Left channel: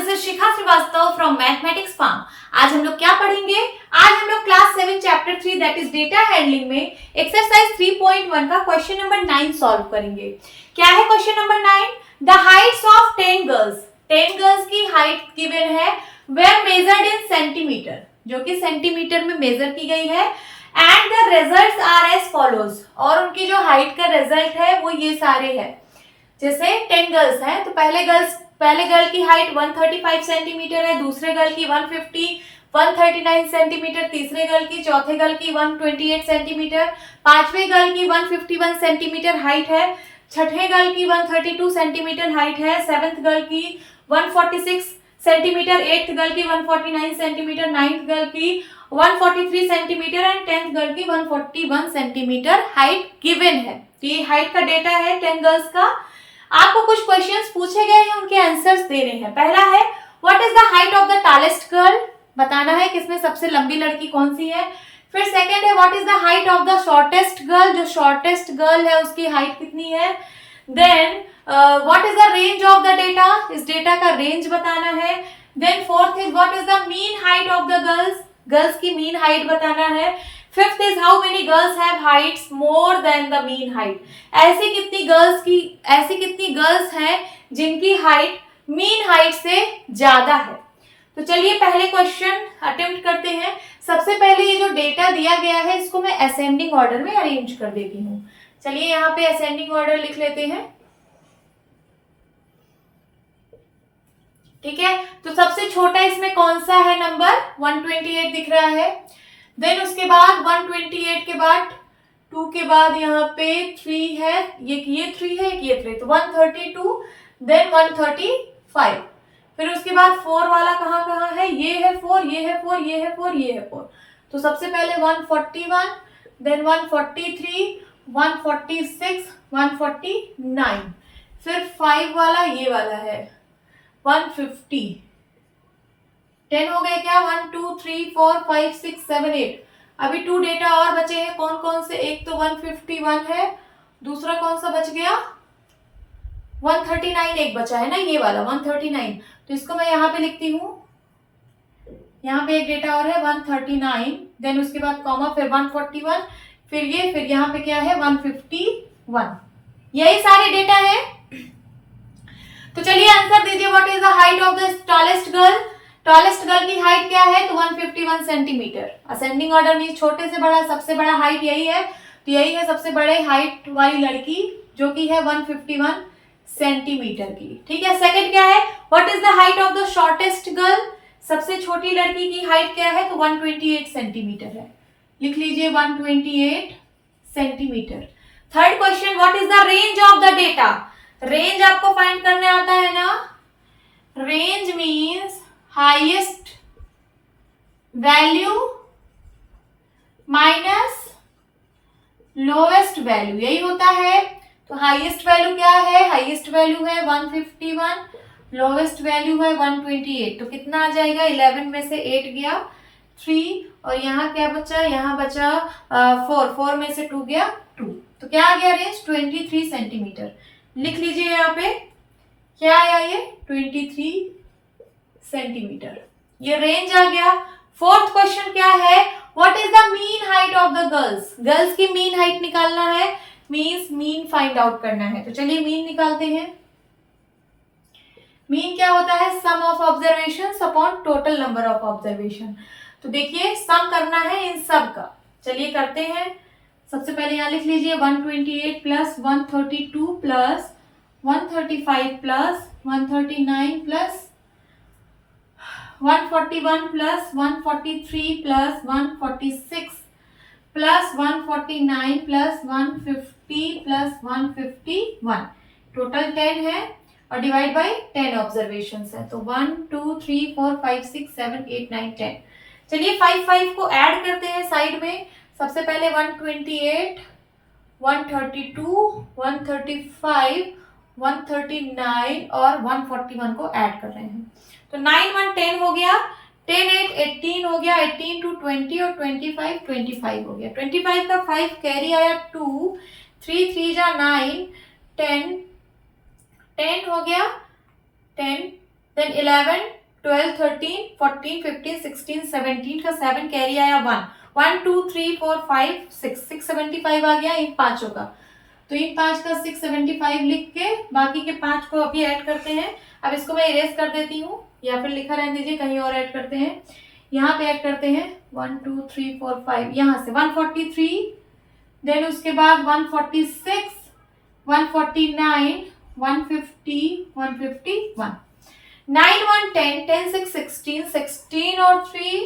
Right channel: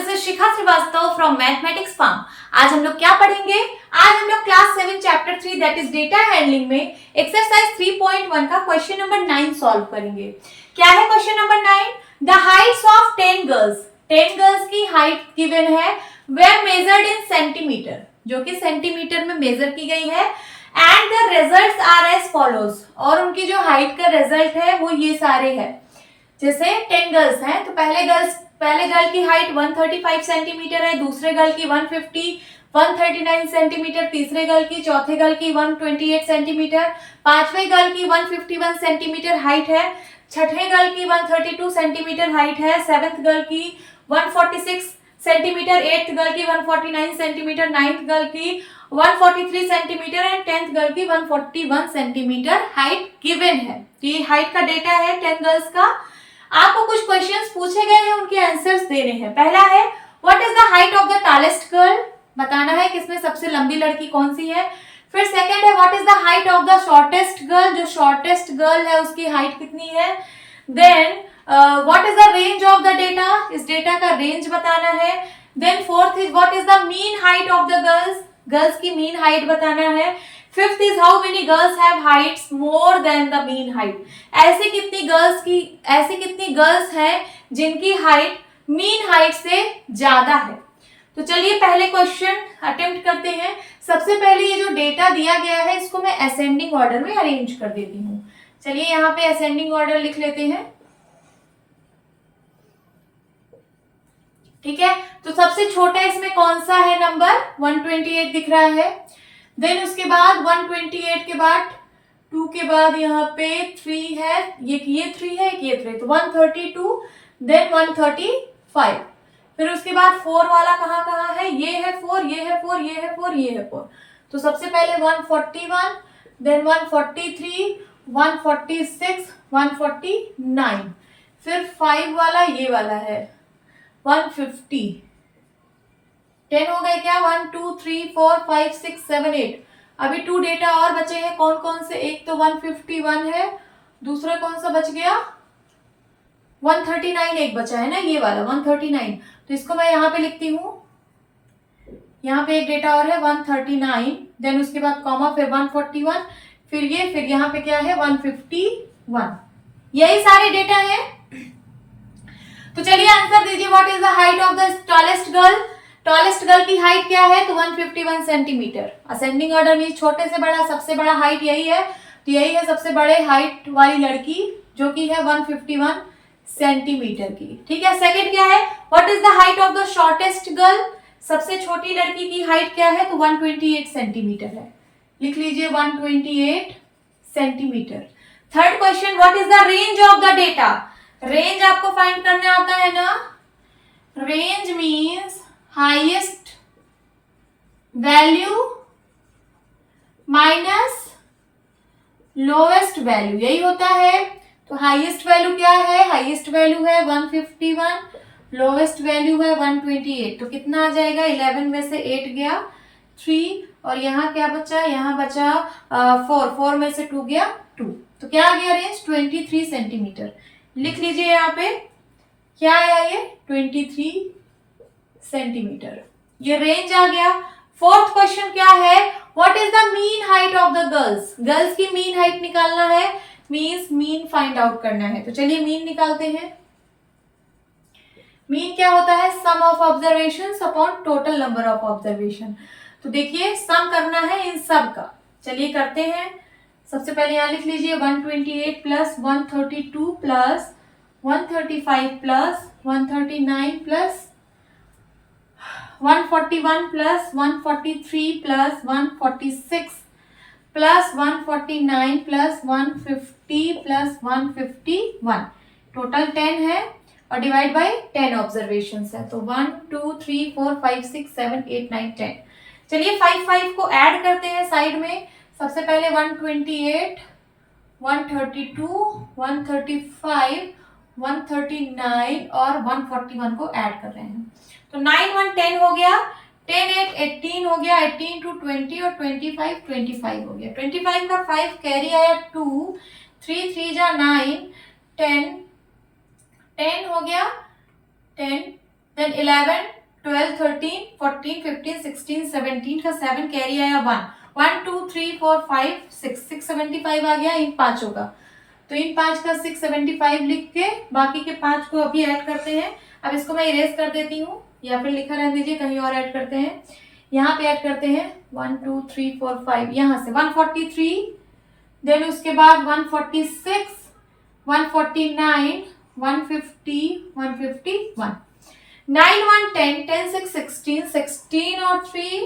This is Shikha Srivastava from mathematics form. आज हम लोग क्या पढ़ेंगे? आज हम लोग class 7 chapter 3 that is data handling में एक्सरसाइज 3.1 का क्वेश्चन नंबर 9 सॉल्व करेंगे। क्या है question number 9? The heights of 10 girls. 10 girls की हाइट गिवन है, वेर मेजर्ड इन सेंटीमीटर, जो कि सेंटीमीटर में मेजर की गई है। And the results are as follows, और उनकी जो हाइट का रिजल्ट है वो ये सारे हैं। जैसे 10 गर्ल्स हैं तो पहले गर्ल की हाइट 135 सेंटीमीटर है, दूसरे गर्ल की 139 सेंटीमीटर, तीसरे गर्ल की, चौथे गर्ल की 128 सेंटीमीटर, पांचवे गर्ल की 151 सेंटीमीटर हाइट है, छठे गर्ल की 132 सेंटीमीटर हाइट है, सेवेंथ गर्ल की 146 सेंटीमीटर, एट्थ गर्ल की 149 सेंटीमीटर, नाइन्थ गर्ल की 143 सेंटीमीटर एंड टेंथ गर्ल की 141 सेंटीमीटर हाइट गिवन है। तो ये हाइट का डेटा है 10 गर्ल्स का। आपको कुछ क्वेश्चंस पूछे गए हैं, उनके आंसर्स देने हैं। पहला है what is the height of the tallest girl, बताना है किसमें सबसे लंबी लड़की कौन सी है। फिर सेकंड है what is the height of the shortest girl, जो शॉर्टेस्ट गर्ल है उसकी हाइट कितनी है। Then what is the range of the data, इस डेटा का रेंज बताना है। Then fourth is what is the mean height of the girls, girls की मीन हाइट बताना है। Fifth is how many girls have heights more than the mean height, ऐसी कितनी girls हैं जिनकी हाइट मीन हाइट से ज्यादा है। तो चलिए पहले क्वेश्चन अटेम्प्ट करते हैं। सबसे पहले ये जो डेटा दिया गया है इसको मैं असेंडिंग ऑर्डर में अरेंज कर देती हूँ। चलिए यहाँ पे असेंडिंग ऑर्डर लिख लेते हैं। ठीक है, तो सबसे छोटा इसमें कौन सा है नंबर? 128 दिख रहा है। देन उसके बाद 128 के बाद 2 के बाद यहाँ पे 3 है, ये 3 है, ये 3, तो 132, देन 135। फिर उसके बाद 4 वाला कहाँ है? ये है 4, ये है 4, ये है 4, ये है 4। तो सबसे पहले 141, देन 143, 146, 149। फिर 5 वाला ये वाला है 150। 10 हो गए क्या? 1 2 3 4 5 6 7 8। अभी 2 डेटा और बचे हैं, कौन कौन से? एक तो 151 है, दूसरा कौन सा बच गया? 139 एक बचा है ना, ये वाला 139। तो इसको मैं यहाँ पे लिखती हूँ। यहाँ पे एक डेटा और है 139, देन उसके बाद कॉमा, फिर 141, फिर ये, फिर यहाँ पे क्या है? 151। यही सारे डेटा है। तो चलिए आंसर दीजिए। What is the height of the tallest girl? Tallest girl की हाइट क्या है? तो 151 सेंटीमीटर। असेंडिंग ऑर्डर में छोटे से बड़ा सबसे बड़ा हाइट यही है, तो यही है सबसे बड़े हाइट वाली लड़की, जो कि है 151 सेंटीमीटर की। ठीक है, सेकंड क्या है? What is the height of the shortest girl? सबसे छोटी लड़की की हाइट क्या है? तो 128 सेंटीमीटर है। लिख लीजिए 128 centimetre. Third question, what is the range of the data? Range आपको फाइंड करने आता है ना। Range means highest value minus lowest value, यही होता है। तो हाईएस्ट वैल्यू क्या है? हाईएस्ट वैल्यू है 151, लोएस्ट वैल्यू है 128। तो कितना आ जाएगा? 11 में से 8 गया 3, और यहाँ क्या बचा? यहाँ बचा 4 में से 2 गया 2। तो क्या आ गया रेंज? 23 सेंटीमीटर। लिख लीजिए यहाँ पे क्या आया, ये 23 सेंटीमीटर, ये रेंज आ गया। फोर्थ क्वेश्चन क्या है? What is the mean height of the girls? Girls की मीन हाइट निकालना है, मीन्स मीन फाइंड आउट करना है। तो चलिए मीन निकालते हैं। मीन क्या होता है? Sum of observation upon total number of observation. तो देखिए सम करना है इन सब का, चलिए करते हैं। सबसे पहले यहाँ लिख लीजिए 128 plus 132 plus 135 plus 139 plus 141 plus 143 plus 146 plus 149 plus 150 plus 151, total 10 है, और डिवाइड बाय 10 ऑब्जर्वेशंस है। तो 1 2 3 4 5 6 7 8 9 10। चलिए 5 को ऐड करते हैं साइड में। सबसे पहले 128, 132, 135, 139 और 141 को ऐड कर रहे हैं। तो 9 1 10 हो गया, 10 8 18 हो गया, 18 2 20 और 25 हो गया। 25 का 5 कैरी आया 2, 3 3 जा 9, 10 10 हो गया 10, देन 11, 12, 13, 14, 15, 16, 17 का 7 कैरी आया 1, 1, 2, 3, 4, 5, 6, 675 आ गया इन पांचों का। तो इन 5 का 675 लिख के बाकी के 5 को अभी ऐड करते हैं। अब इसको मैं इरेज कर देती हूँ या फिर लिखा रहने दीजिए, कहीं और ऐड करते हैं। यहाँ पे ऐड करते हैं 1, 2, 3, 4, 5, यहाँ से 143, देन उसके बाद 146, 149, 150, 151, 9, 1, 10, 10, 6, 16, 16 और 3,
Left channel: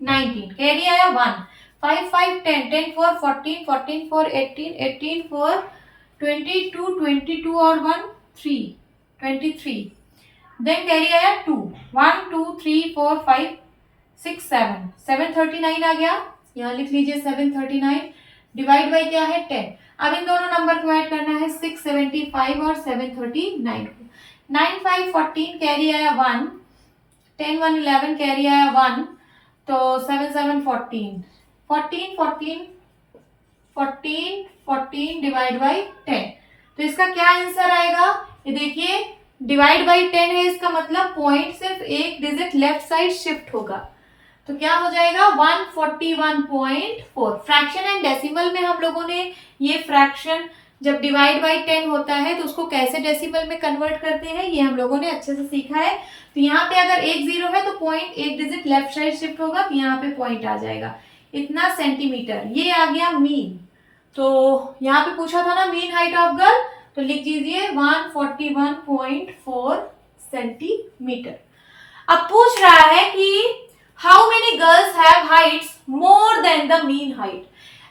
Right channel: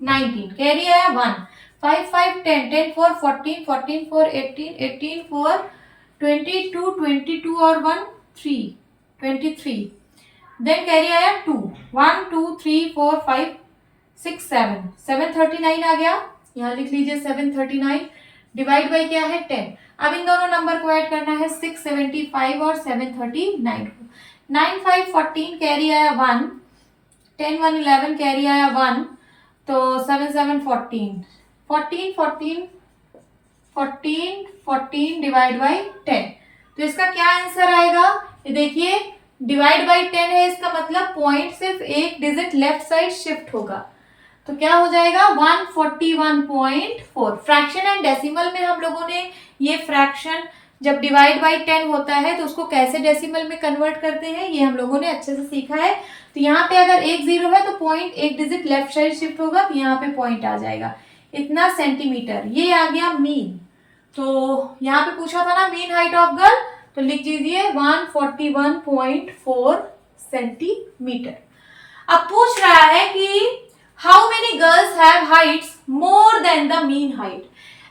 19 कैरी आया 1, 5, 5, 10, 10, 4, 14, 14, 4, 18, 18, 4, 22, 22 और 1, 3, 23, देन कैरी आया 2, 1, 2, 3, 4, 5, 6, 7, 739 आ गया, यहाँ लिख लीजिए 739, डिवाइड बाई क्या है 10। अब इन दोनों नंबर को ऐड करना है 675 और 739 को। 9, 5, 14 कैरी आया 1, 10, 1, 11 कैरी आया 1, तो 7, 7, 14, 14, 14, 14, 14 डिवाइड बाई 10। तो इसका क्या आंसर आएगा, ये देखिए डिवाइड बाई 10 है, इसका मतलब पॉइंट सिर्फ एक डिजिट लेफ्ट साइड शिफ्ट होगा। तो क्या हो जाएगा 141.4। फ्रैक्शन एंड डेसिमल में हम लोगों ने ये फ्रैक्शन जब डिवाइड बाई 10 होता है तो उसको कैसे डेसिमल में कन्वर्ट करते हैं ये हम लोगों ने अच्छे से सीखा है। तो यहाँ पे अगर 1 0 है तो पॉइंट एक डिजिट लेफ्ट साइड शिफ्ट होगा, तो यहाँ पे पॉइंट आ जाएगा इतना सेंटीमीटर। ये आ गया मीन। तो यहाँ पे पूछा था ना मीन हाइट ऑफ गर्ल, तो लिख दीजिए 141.4 सेंटीमीटर। अब पूछ रहा है कि how many girls have heights more than the mean height.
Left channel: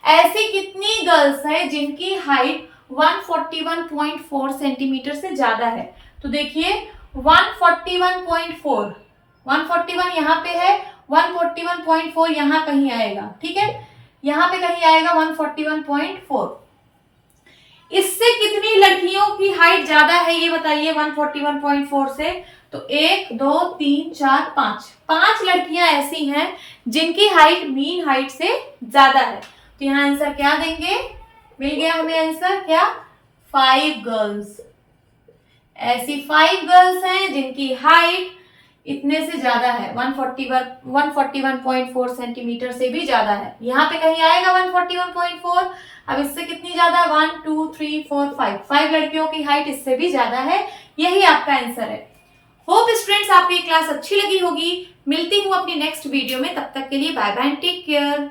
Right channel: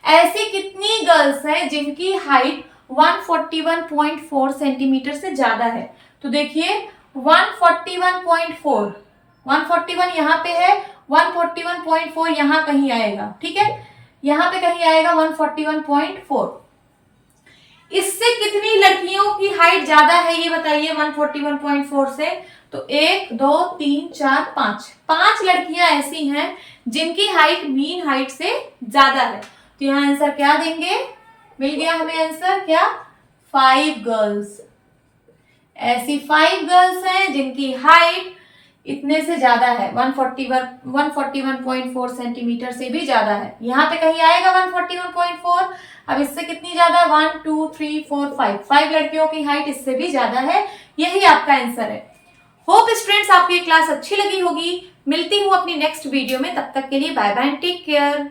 ऐसी कितनी गर्ल्स हैं जिनकी हाइट 141.4 सेंटीमीटर से ज्यादा है। तो देखिए 141.4, 141 यहाँ पे है, 141.4 यहाँ कहीं आएगा, ठीक है, यहाँ पे कहीं आएगा 141.4। इससे कितनी लड़कियों की हाइट ज्यादा है ये बताइए 141.4 से। तो 1, 2, 3, 4, 5 लड़कियां ऐसी हैं जिनकी हाइट मीन हाइट से ज्यादा है। तो यहाँ आंसर क्या देंगे, मिल गया हमें आंसर क्या, 5 गर्ल्स। ऐसी 5 गर्ल्स हैं जिनकी हाइट इतने से ज्यादा है, 141.4 सेंटीमीटर से भी ज्यादा है। यहाँ पे कहीं आएगा 141.4। अब इससे कितनी ज्यादा, 1, 2, 3, 4, 5 लड़कियों की हाइट इससे भी ज्यादा है। यही आपका आंसर है। होप स्टूडेंट्स आपको ये क्लास अच्छी लगी होगी। मिलती हूँ अपनी नेक्स्ट वीडियो में, तब तक के लिए bye bye and take care.